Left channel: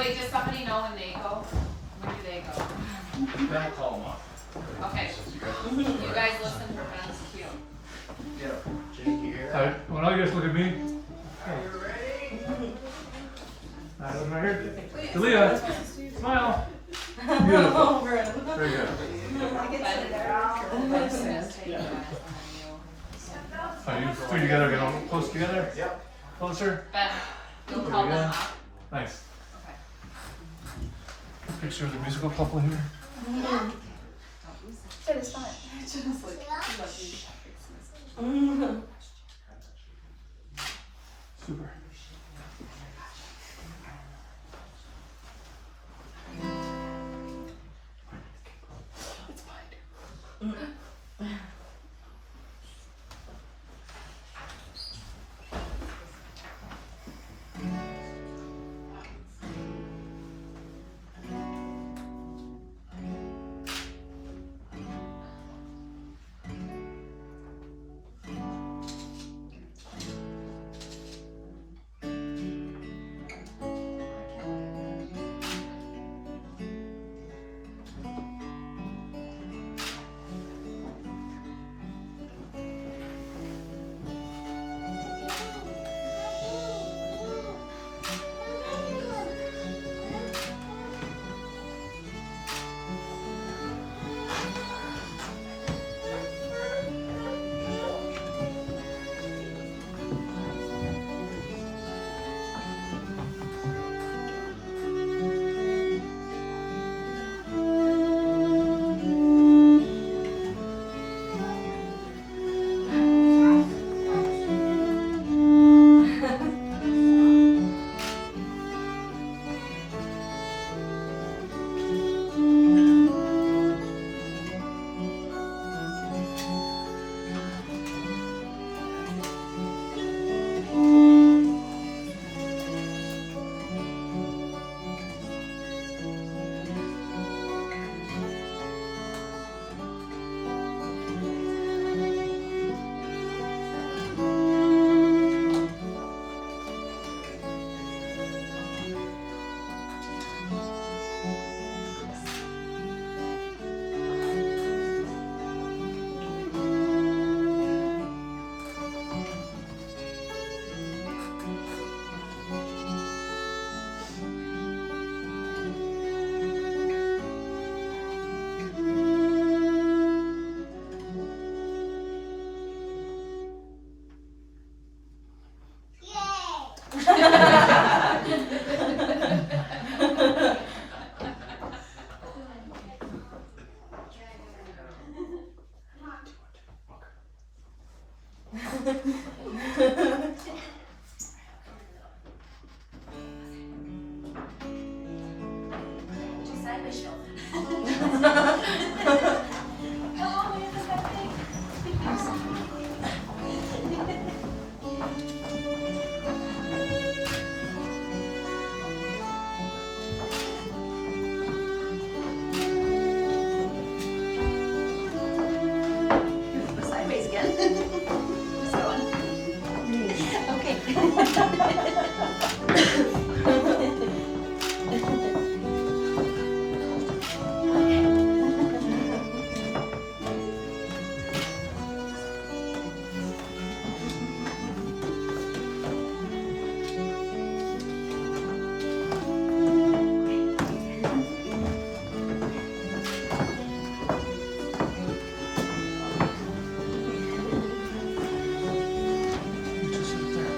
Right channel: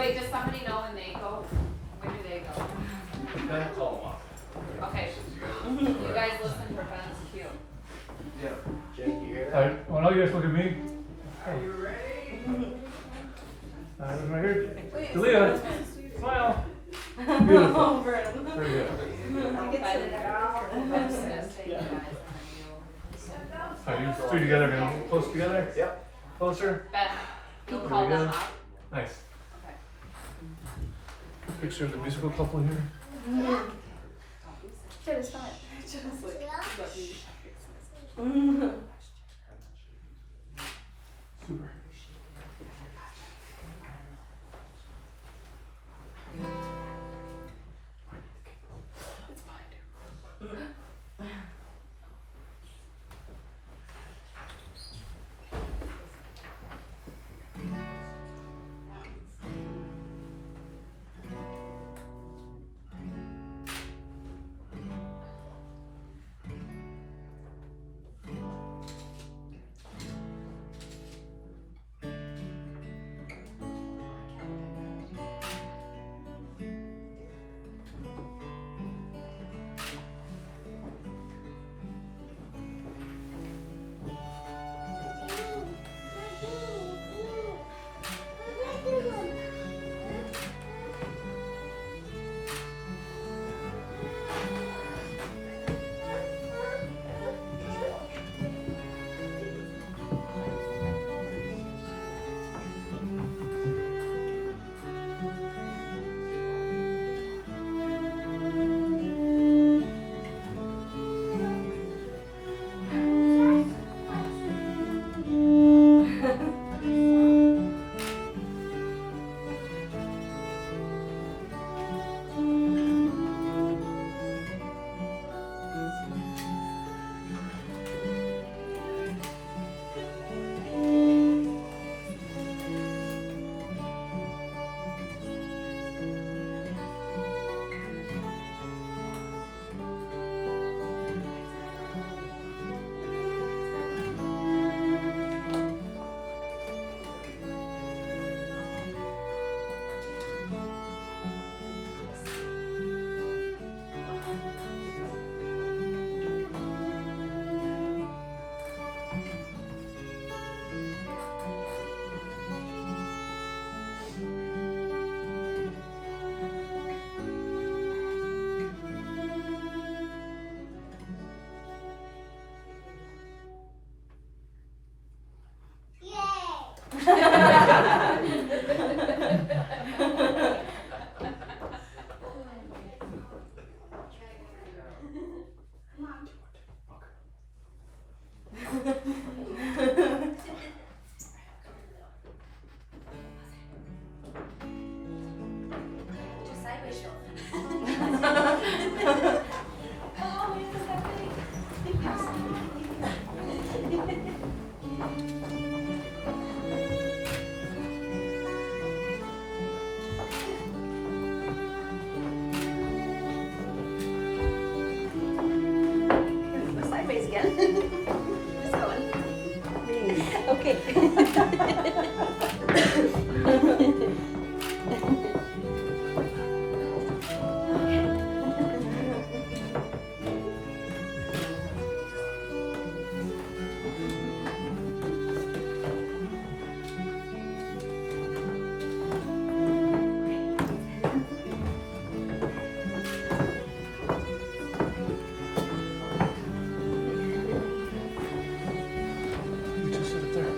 Wait, does somebody know when they go? Where do they go? Then call them up. Okay. You guys listen for Ben's cue. Yeah. Jake, you hear? Alright, well now you guys look at me. Are you ready? Look right here. Julia, smile. Beautiful. Very good. Are you three together, get a little close together? Yep. Closer. Ben, you'll There call we go. them. Nice. Okay. Picture of the musical couple here. That is fine. Super. Sideways again. Okay. You just sit there.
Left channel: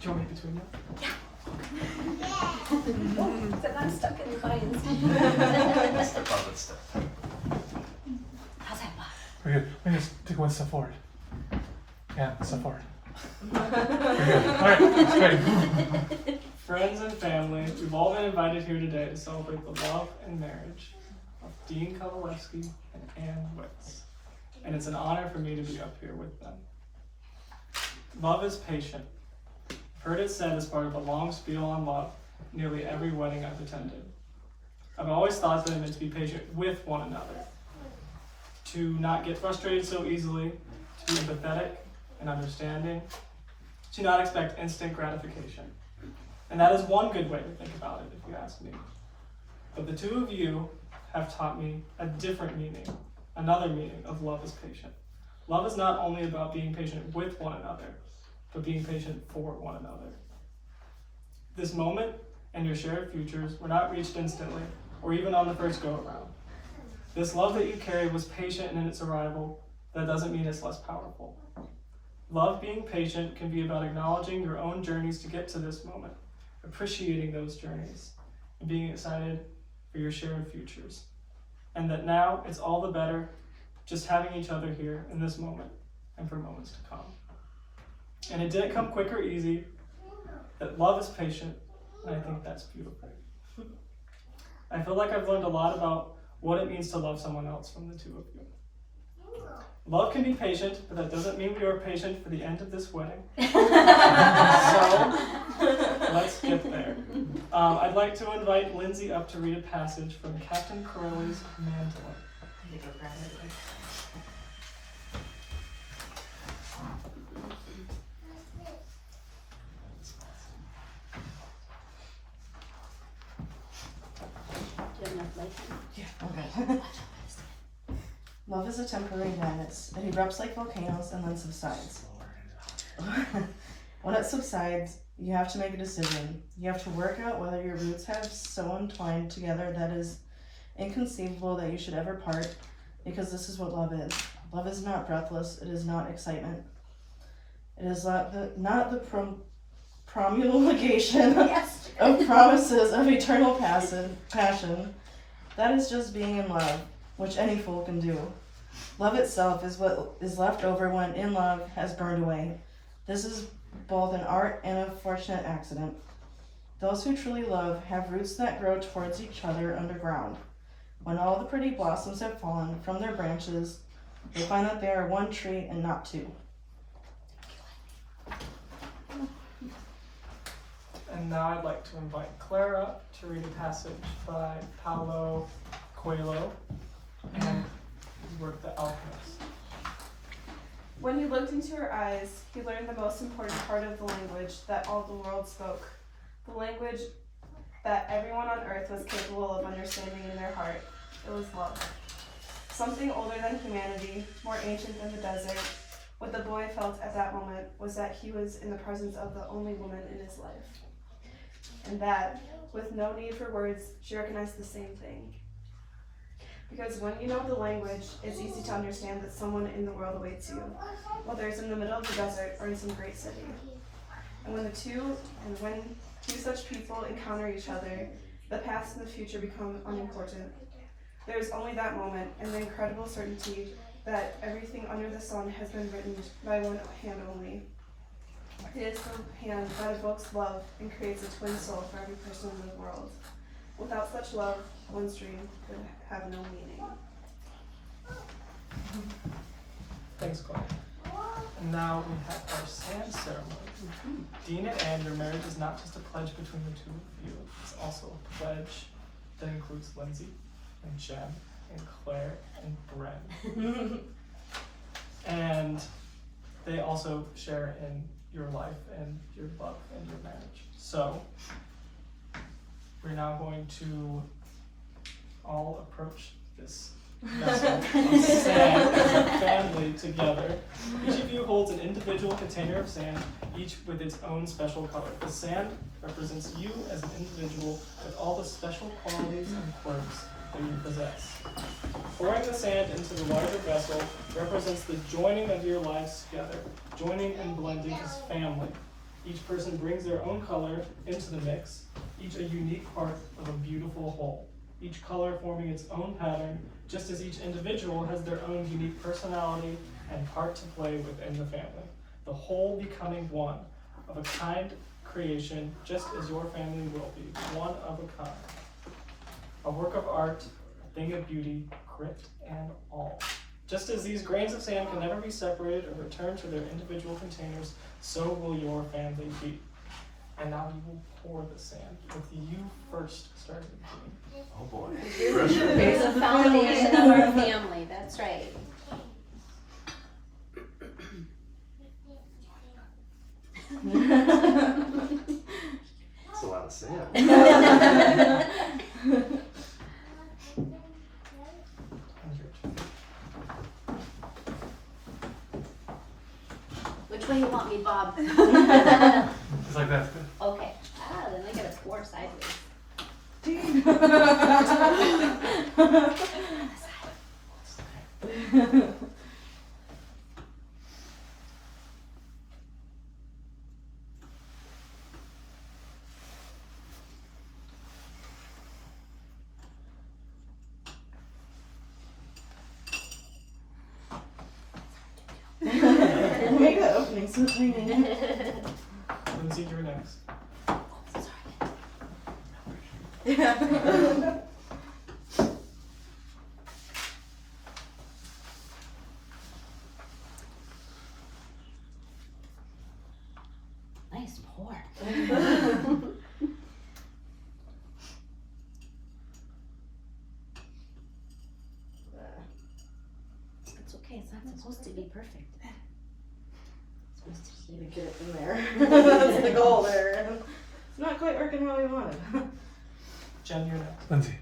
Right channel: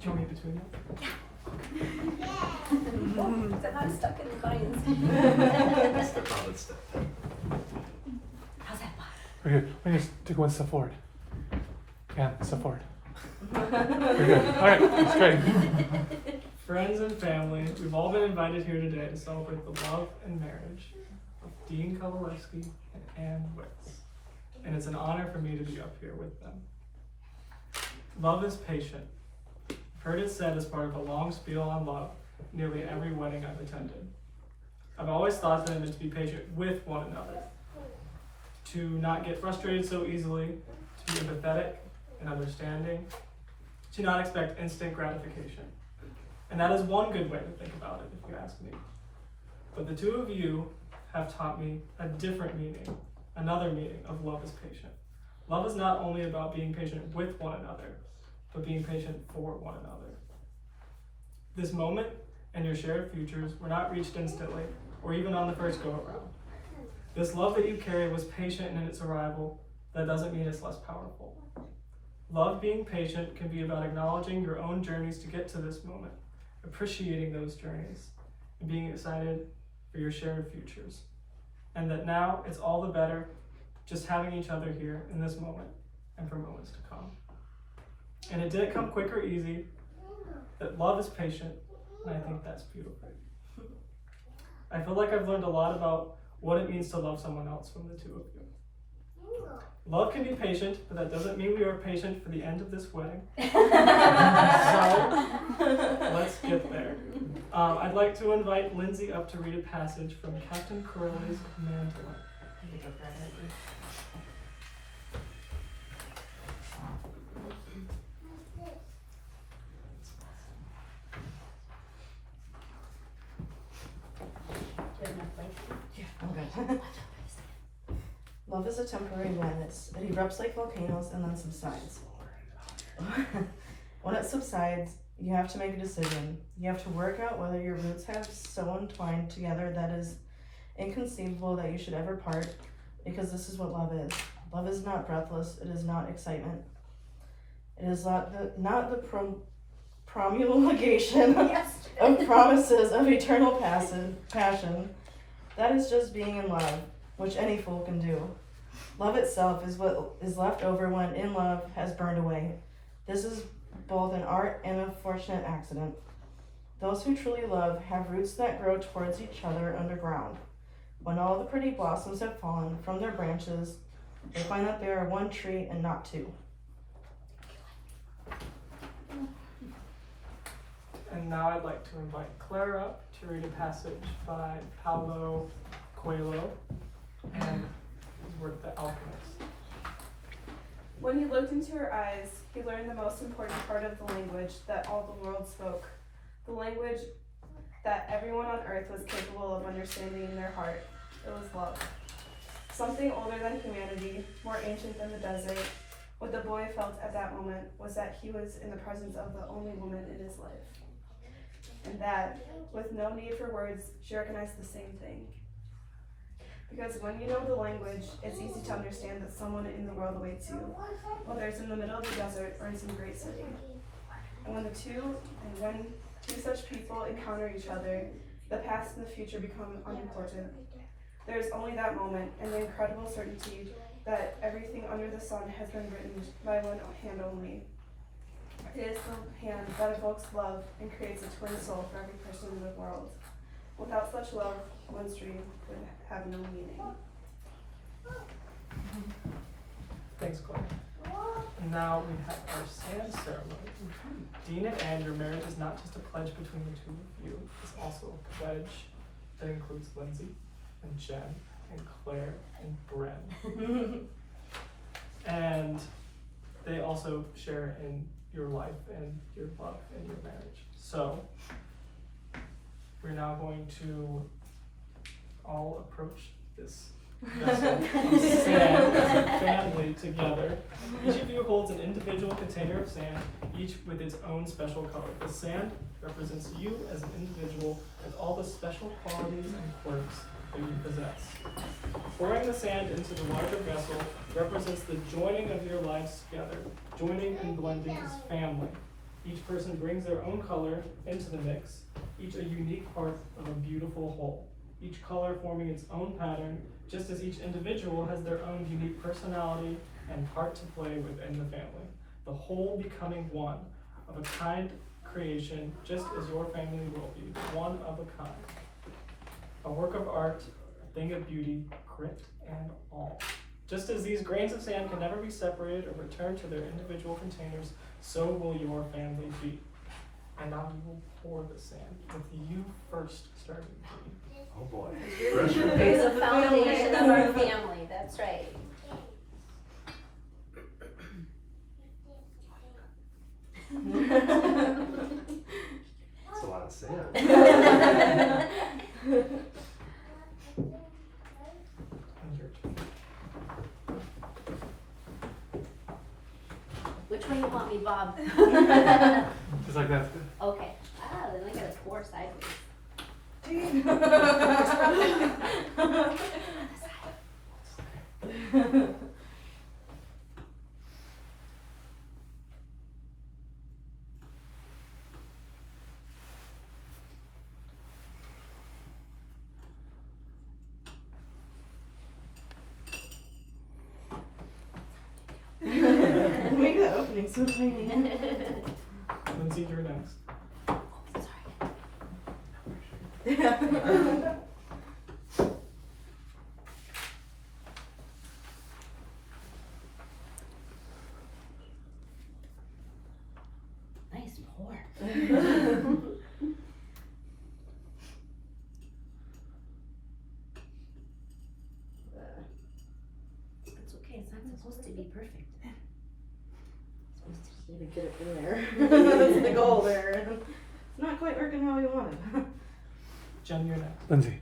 Do you want me between them? But I'm stuck in the vines. That's the public stuff. How's that, Bob? Very good. Let me just take one step forward. Yeah, step forward. Very good. Alright, that's great. Friends and family, we've all been invited here today to celebrate the love and marriage of Dean Kowalewski and Ann Witz. And it's an honor for me to be up here with them. Love is patient. I've heard it said as part of a long spiel on love, nearly every wedding I've attended. I've always thought that it meant to be patient with one another, to not get frustrated so easily, to be empathetic and understanding, to not expect instant gratification. And that is one good way to think about it, if you ask me. But the two of you have taught me a different meaning, another meaning of love is patient. Love is not only about being patient with one another, but being patient for one another. This moment and your shared futures were not reached instantly, or even on the first go-around. This love that you carry was patient in its arrival. That doesn't mean it's less powerful. Love being patient can be about acknowledging your own journeys to get to this moment, appreciating those journeys, and being excited for your shared futures. And that now it's all the better just having each other here in this moment and for moments to come. And it didn't come quick or easy, that love is patient, and I think that's beautiful. I feel like I've learned a lot about what it means to love someone else from the two of you. Love can be patient, but that doesn't mean we are patient for the end of this wedding. So, let's get there. I'd like to invite Lindsay up to read a passage from Captain Corelli's Mandolin. Do you have enough light? Okay. Love is a temporary madness. It erupts like volcanoes and then subsides. When it subsides, you have to make a decision. You have to work out whether your roots have so entwined together that is inconceivable that you should ever part, because this is what love is. Love is not breathless. It is not excitement. It is not the promulgation Yes. of promises of eternal passion. That is just being in love, which any fool can do. Love itself is what is left over when in love has burned away. This is both an art and a fortunate accident. Those who truly love have roots that grow towards each other underground. When all the pretty blossoms have fallen from their branches, they find that they are one tree and not two. And now I'd like to invite Clara to read a passage by Paulo Coelho and his work, The Alchemist. When he looked into her eyes, he learned the most important part of the language that all the world spoke, the language that everyone on earth was capable of understanding in their heart. It was love. Something older than humanity, more ancient than the desert. What the boy felt at that moment was that he was in the presence of the only woman in his life. And that, with no need for words, she recognized the same thing. Because when you know the language, it's easy to understand that someone in the world awaits you, whether it's in the middle of the desert or in some great city. And when two such people encounter each other, the past and the future become unimportant. There is only that moment and the incredible certainty that everything under the sun has been written by one hand only. It is the hand that evokes love and creates a twin soul for every person in the world. Without such love, one's dream would have no meaning. Thanks, Claire. And now we have our sand ceremony. Dean and Anne, your marriage is not just a pledge between the two of you, it's also a pledge that includes Lindsay and Jen and Claire and Bren. And they also share in your life and your love and your marriage. So we're now going to all approach this vessel of sand as a family together. Each of you holds an individual container of sand, each with its own special color. The sand represents you as an individual with all the special qualities and quirks that you possess. Pouring the sand into the larger vessel represents the joining of your lives together, joining and blending as family. Each person brings their own color into the mix, each a unique part of a beautiful whole. Each color forming its own pattern, just as each individual has their own unique personality and part to play within the family. The whole becoming one, of a kind creation, just as your family will be, one of a kind. A work of art, a thing of beauty, grit and all. Just as these grains of sand can never be separated or returned to their individual containers, so will your family be. And now we will pour the sand, with you first starting. Oh boy. It's the foundation of our family, that's right. That's a lot of sand. Which way you want me, Bob? Just like that's good. Okay. Ah, then I gotta pour sideways. Make that opening so tiny. Lindsay, you're next. Yeah. Nice pour. It's okay, it's not supposed to be perfect. It's supposed to To get it in there. That's the goal there. It's not quite working how we wanted. Jen, you're next. Lindsay.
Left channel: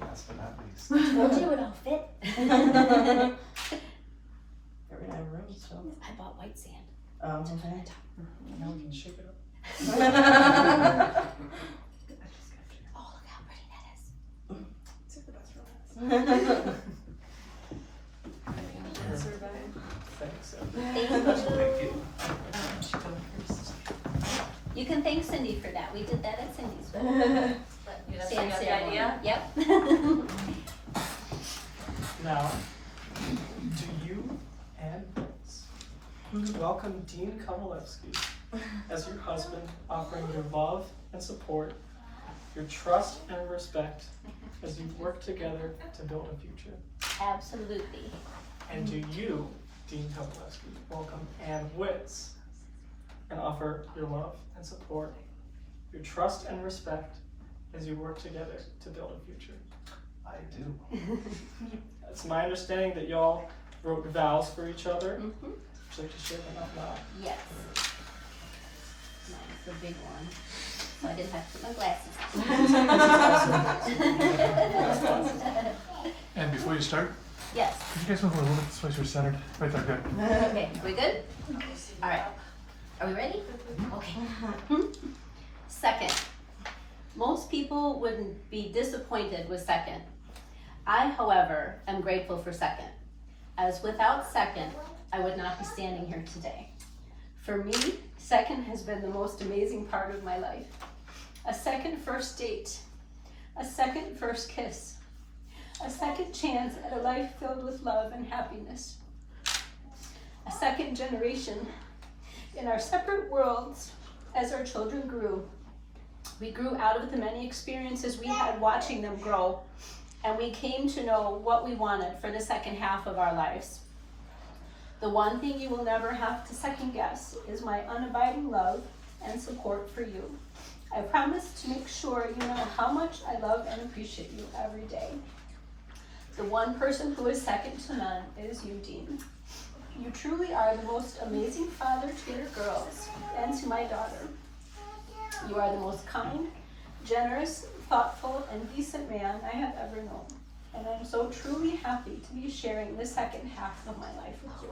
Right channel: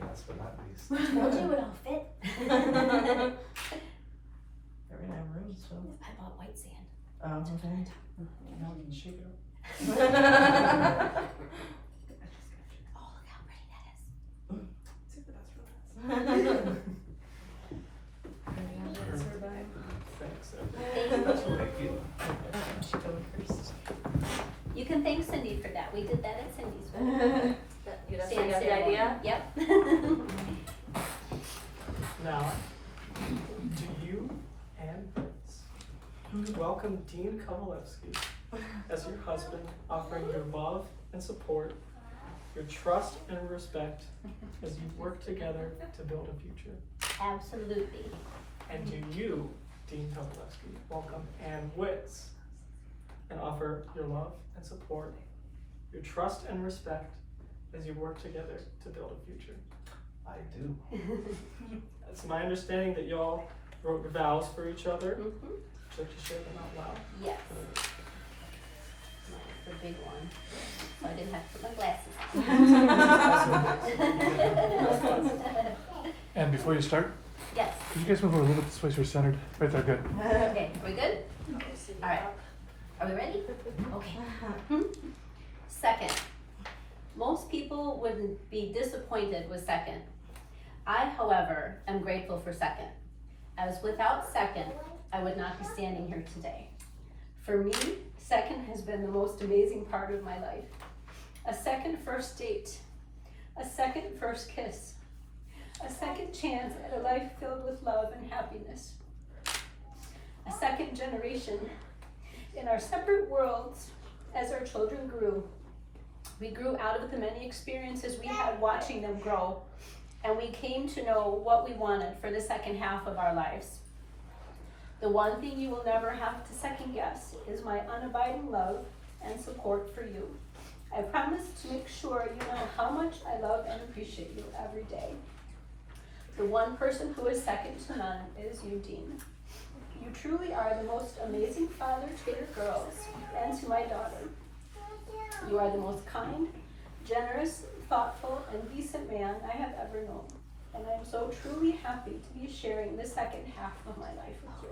Last but not least. Told you it all fit. We're gonna have room, so. I bought white sand. Oh, okay. Now we can shake it up. Oh, look how pretty that is. Save the best for last. Thanks. Thank you. You can thank Cindy for that. We did that at Cindy's wedding. Sand ceremony. Yep. Now, to you and Vince, welcome Dean Kovalevsky as your husband, offering your love and support, your trust and respect as you work together to build a future. Absolutely. And to you, Dean Kovalevsky, welcome Ann Witz, and offer your love and support, your trust and respect as you work together to build a future. I do. It's my understanding that y'all wrote vows for each other. Mhm. Would you like to share them out loud? Yes. That's the big one. So I didn't have to put my glasses on. And before you start, Yes. could you guys move a little bit this way so you're centered? Right there, good. Okay, we good? All right. Are we ready? Okay. Second. Most people would be disappointed with second. I, however, am grateful for second, as without second, I would not be standing here today. For me, second has been the most amazing part of my life. A second first date, a second first kiss, a second chance at a life filled with love and happiness. A second generation. In our separate worlds, as our children grew, we grew out of the many experiences we had watching them grow, and we came to know what we wanted for the second half of our lives. The one thing you will never have to second guess is my unabiding love and support for you. I promise to make sure you know how much I love and appreciate you every day. The one person who is second to none is you, Dean. You truly are the most amazing father to your girls and to my daughter. You are the most kind, generous, thoughtful, and decent man I have ever known. And I am so truly happy to be sharing the second half of my life with you.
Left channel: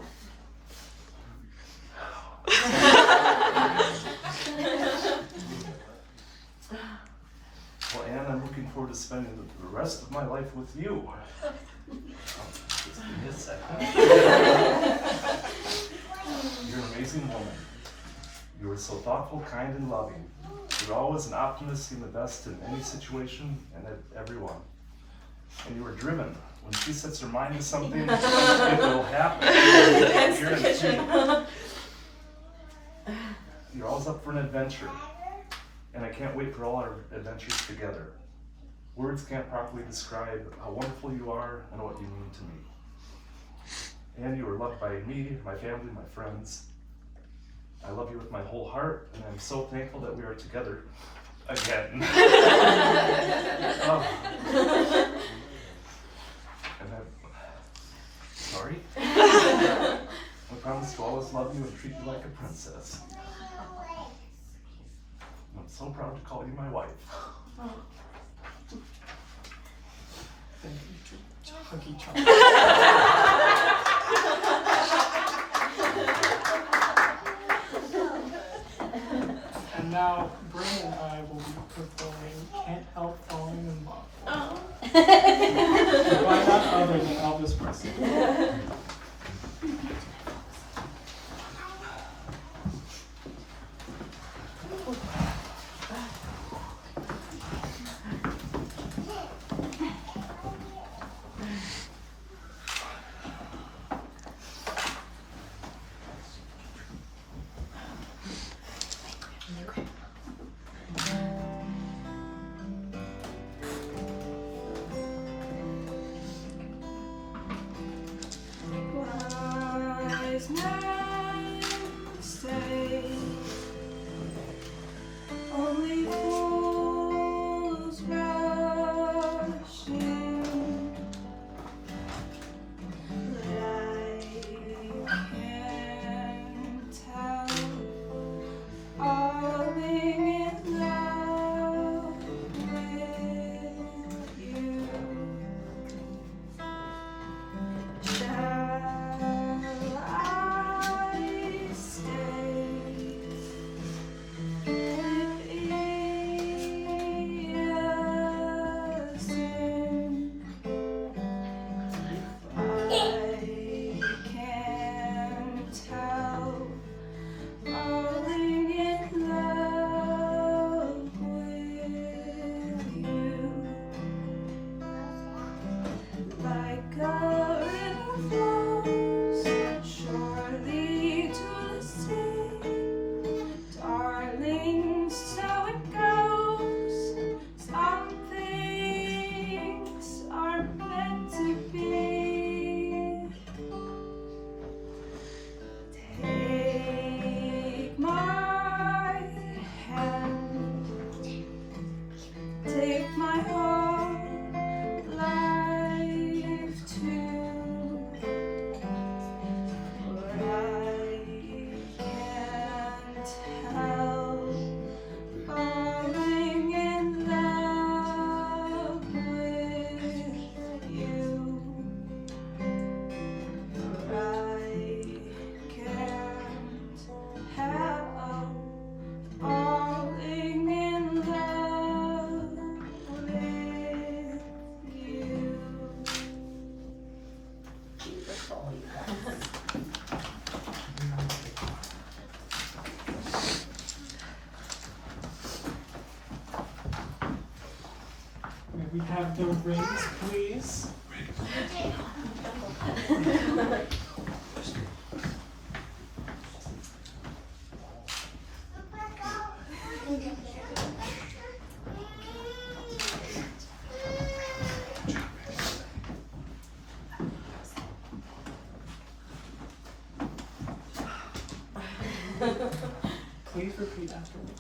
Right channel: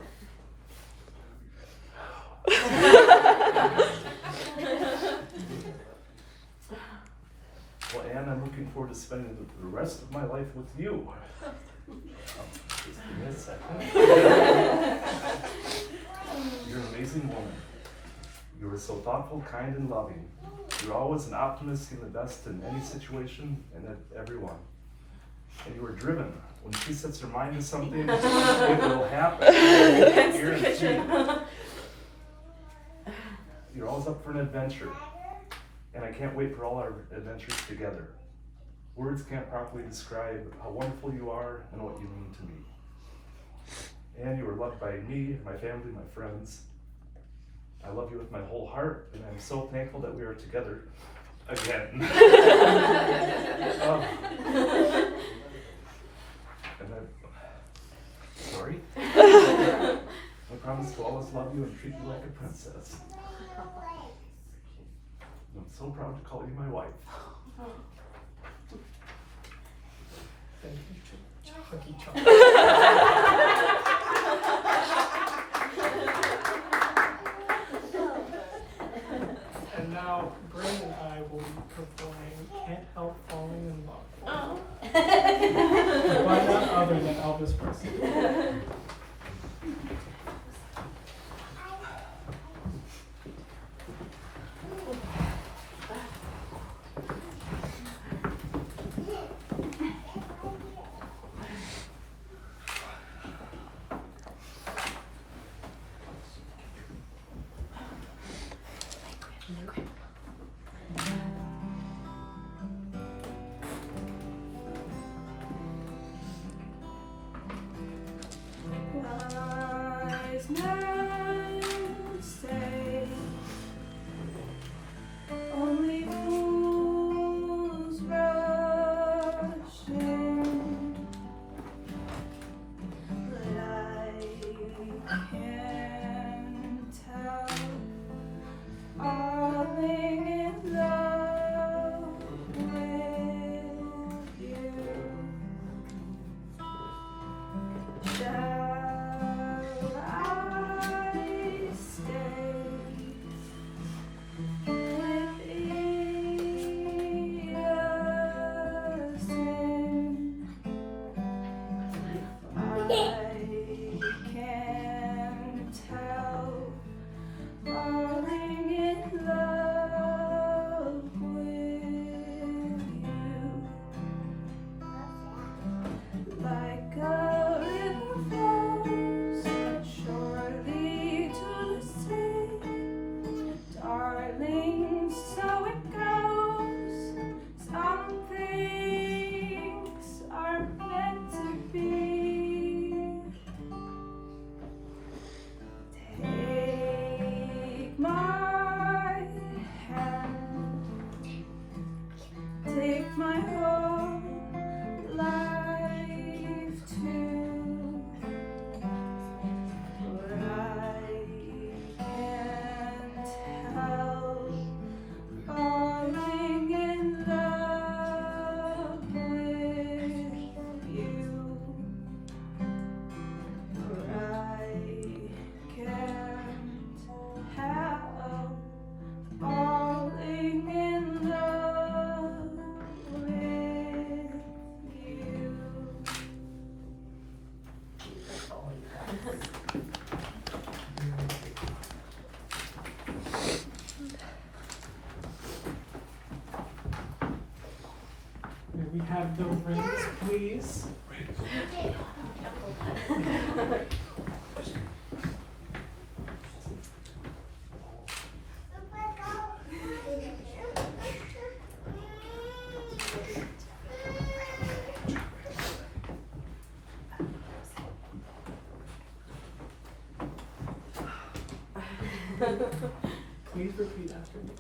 Well, and I'm looking forward to spending the rest of my life with you. Just give me a second. You're an amazing woman. You are so thoughtful, kind, and loving. You're always an optimist, seeing the best in any situation and at everyone. And you are driven. When she sets her mind to something, it will happen. Guaranteed. You're always up for an adventure. And I can't wait for all our adventures together. Words can't properly describe how wonderful you are and what you mean to me. And you are loved by me, my family, my friends. I love you with my whole heart, and I'm so thankful that we are together again. Oh. And sorry. I promise to always love you and treat you like a princess. I'm so proud to call you my wife. Thank you, Chucky Chuck. And now, Bryn and I will be performing Can't Help Falling in Love. By none other than Elvis Presley. Wise men say only fools rush in, but I can tell falling in love with you. Shall I stay with innocence? I can't tell, falling in love with you. Like a river flows surely to the sea, darling, so it goes. Some things are meant to be. Take my hand, take my whole life too, but I can't help falling in love with you. But I can't help falling in love with you. May we have the rings, please? Please repeat after me.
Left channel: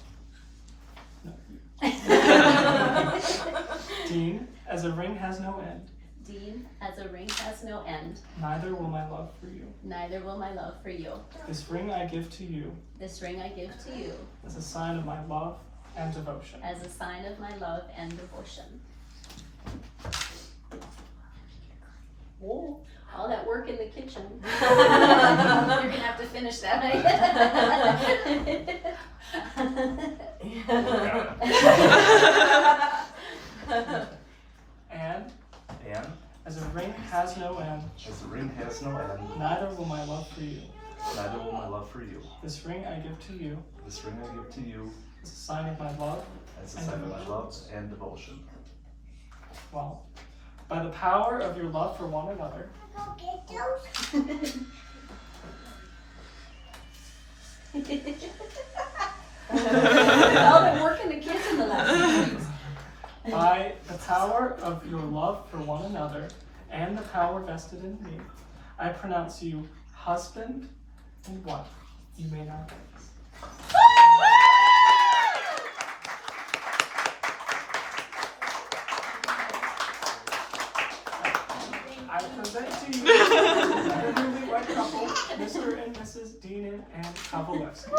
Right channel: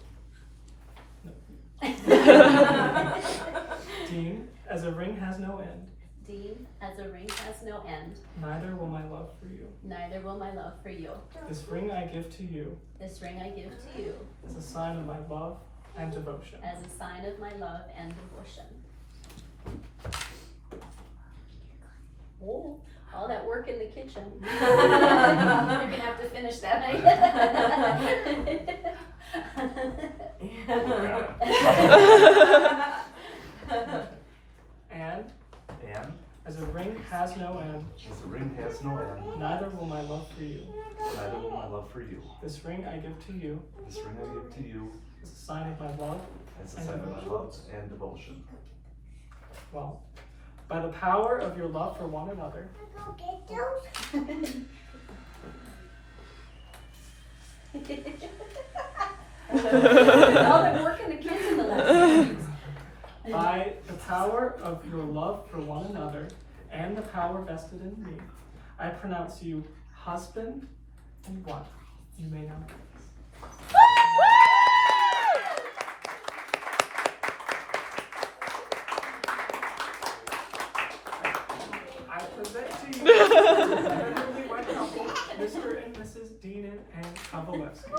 No. Dean, as a ring has no end, Dean, as a ring has no end, neither will my love for you. neither will my love for you. This ring I give to you This ring I give to you as a sign of my love and devotion. as a sign of my love and devotion. Oh, all that work in the kitchen. You're gonna have to finish that. has no end, as the ring has no end, neither will my love for you. neither will my love for you. This ring I give to you This ring I give to you as a sign of my love. as a sign of my love and devotion. Well, by the power of your love for one another, All the work and the kids in the last 6 weeks. by the power of your love for one another and the power vested in me, I pronounce you husband and wife. You may now kiss. I present to you the newly wed couple, Mr. and Mrs. Dean and Kavalewski.